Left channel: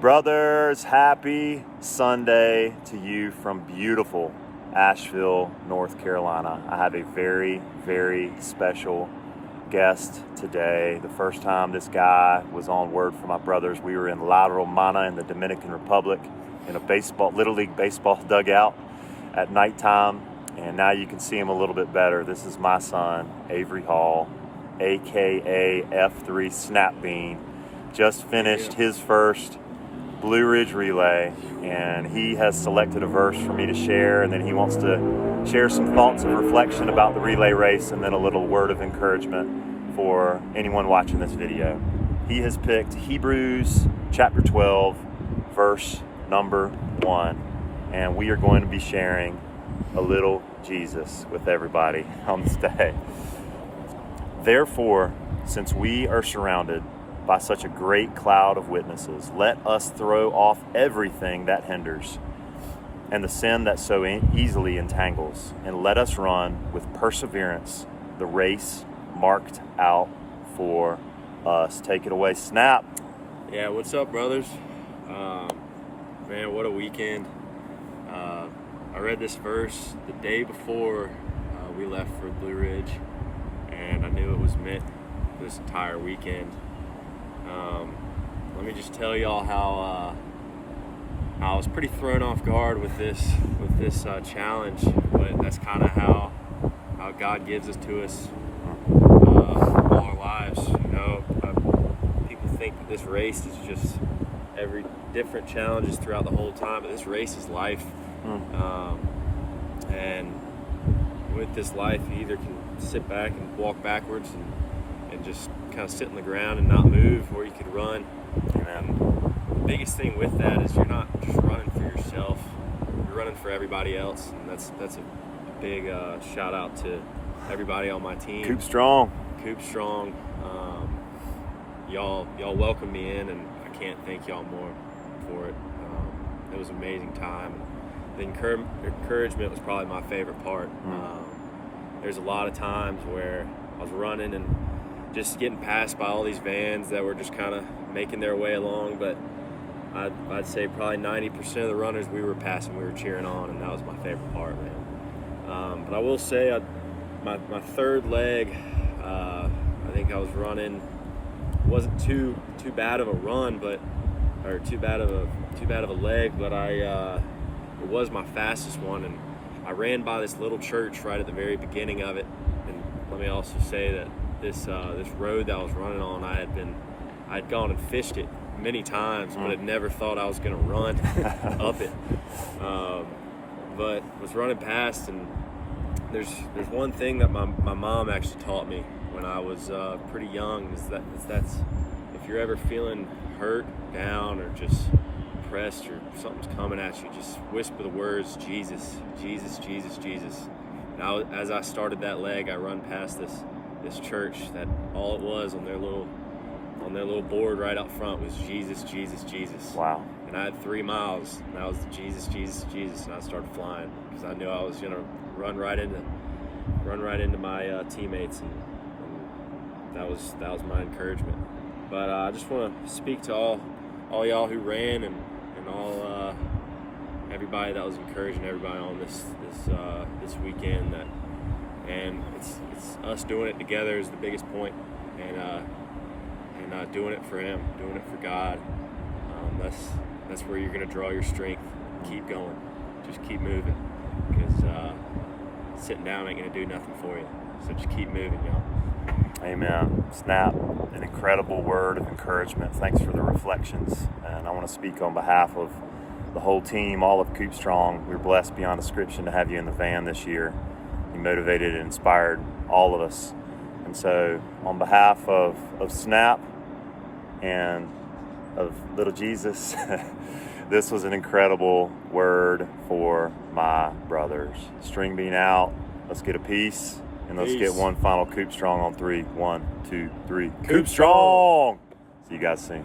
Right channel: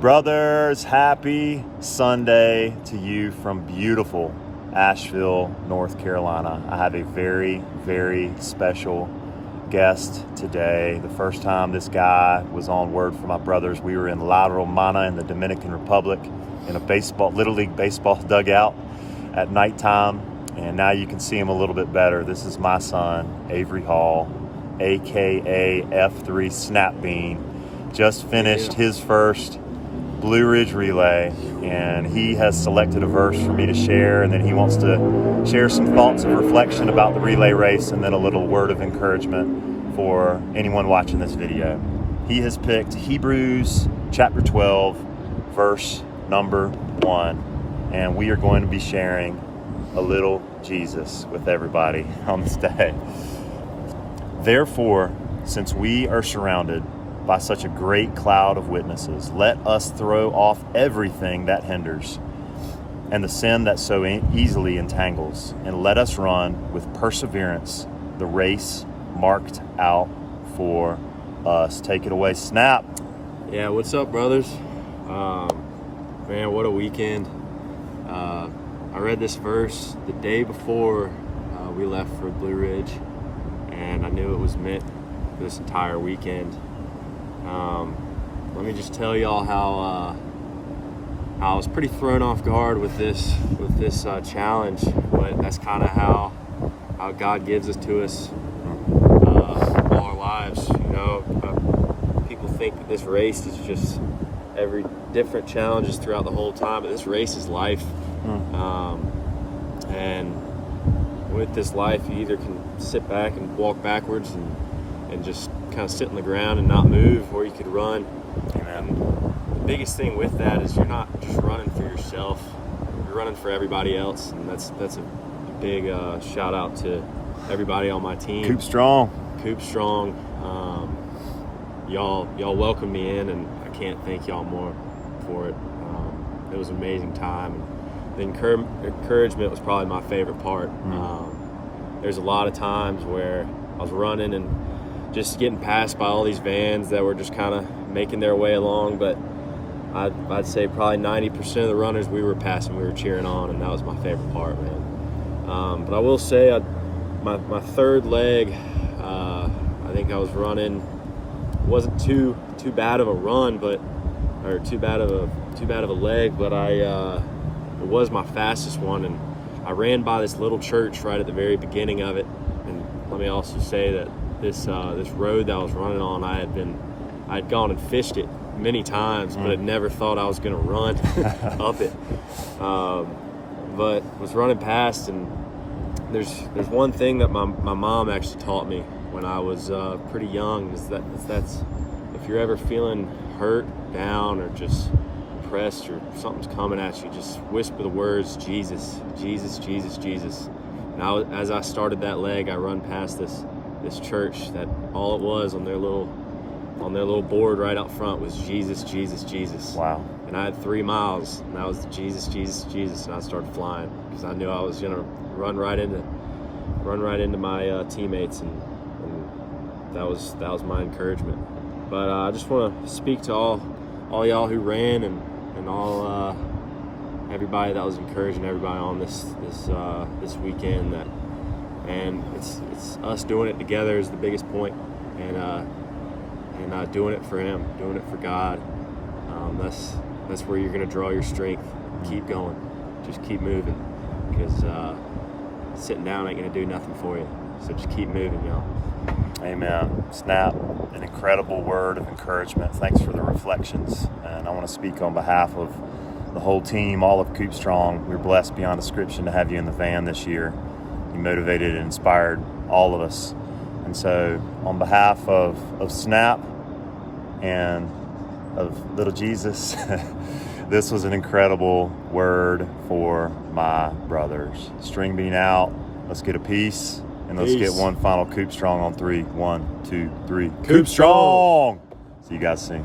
Brothers, happy Sunday to you from beautiful Asheville, North Carolina. I have a very, very special guest today. The first time this guy was on Word for My Brothers, we were in La Romana in the Dominican Republic in a Little League baseball dugout at nighttime, and now you can see him a little bit better. This is my son, Avery Hall, aka F3 Snapbean. Just finished his first Blue Ridge relay, and he has selected a verse for me to share, and then he wants to share some thoughts of reflection about the relay race and then a little word of encouragement for anyone watching this video. He has picked Hebrews chapter 12, verse number 1, and we are going to be sharing a little Jesus with everybody on this day. Therefore, since we are surrounded by such a great cloud of witnesses, let us throw off everything that hinders and the sin that so easily entangles, and let us run with perseverance the race marked out for us. Take it away, Snap. Yeah, what's up, brothers? Man, what a weekend. I read this verse the day before we left for Blue Ridge, and I knew it was meant for this entire weekend. Let me just tell y'all how I was pretty thrown off guard with this challenge, but that's kind of how God gives it to us all our lives. You know, people think that this race is just every different challenges throughout the whole time, but this race is life. And with this life, you either can sit back and walk backwards and just kind of sit on the ground and not move, or you could run. Amen. The biggest thing with that is you're not just running for yourself, you're running for everybody else, and that's a big shout out to everybody on my team. Coop Strong. Y'all welcomed me in, and I can't thank y'all more for it. It was an amazing time. The encouragement was probably my favorite part. There's a lot of times where I was running and just getting passed by all these vans that were just kind of making their way along, but I'd say probably 90% of the runners we were passing, we were cheering on, and that was my favorite part, man. But I will say, my third leg, I think I was running, wasn't too bad of a run, or too bad of a leg, but it was my fastest one, and I ran by this little church right at the very beginning of it. And let me also say that this road that I was running on, I'd gone and fished it many times, but I'd never thought I was going to run up it. But was running past, and there's one thing that my mom actually taught me when I was pretty young, is that's if you're ever feeling hurt, down, or just depressed, or something's coming at you, just whisper the words, Jesus, Jesus, Jesus, Jesus. Now, as I started that leg, I run past this church that all it was on their little board right out front was Jesus, Jesus, Jesus. Wow. And I had 3 miles, and that was the Jesus, Jesus, Jesus, and I started flying because I knew I was gonna run right into my teammates, and that was my encouragement. But I just want to speak to all y'all who ran, and all everybody that was encouraging everybody on this weekend. And it's us doing it together is the biggest point, and doing it for Him, doing it for God. That's where you're going to draw your strength. Keep going, just keep moving, because sitting down ain't going to do nothing for you. So just keep moving, y'all. Amen. Snap, an incredible word of encouragement. Thanks for the reflections. And I want to speak on behalf of the whole team, all of Coop Strong. We're blessed beyond description to have you in the van this year. You motivated and inspired all of us. And so on behalf of Snap and of little Jesus, this was an incredible word for my brothers. String being out. Let's get a piece. And let's get one final Coop Strong on 3. 1, 2, 3. Coop Strong! See you guys soon.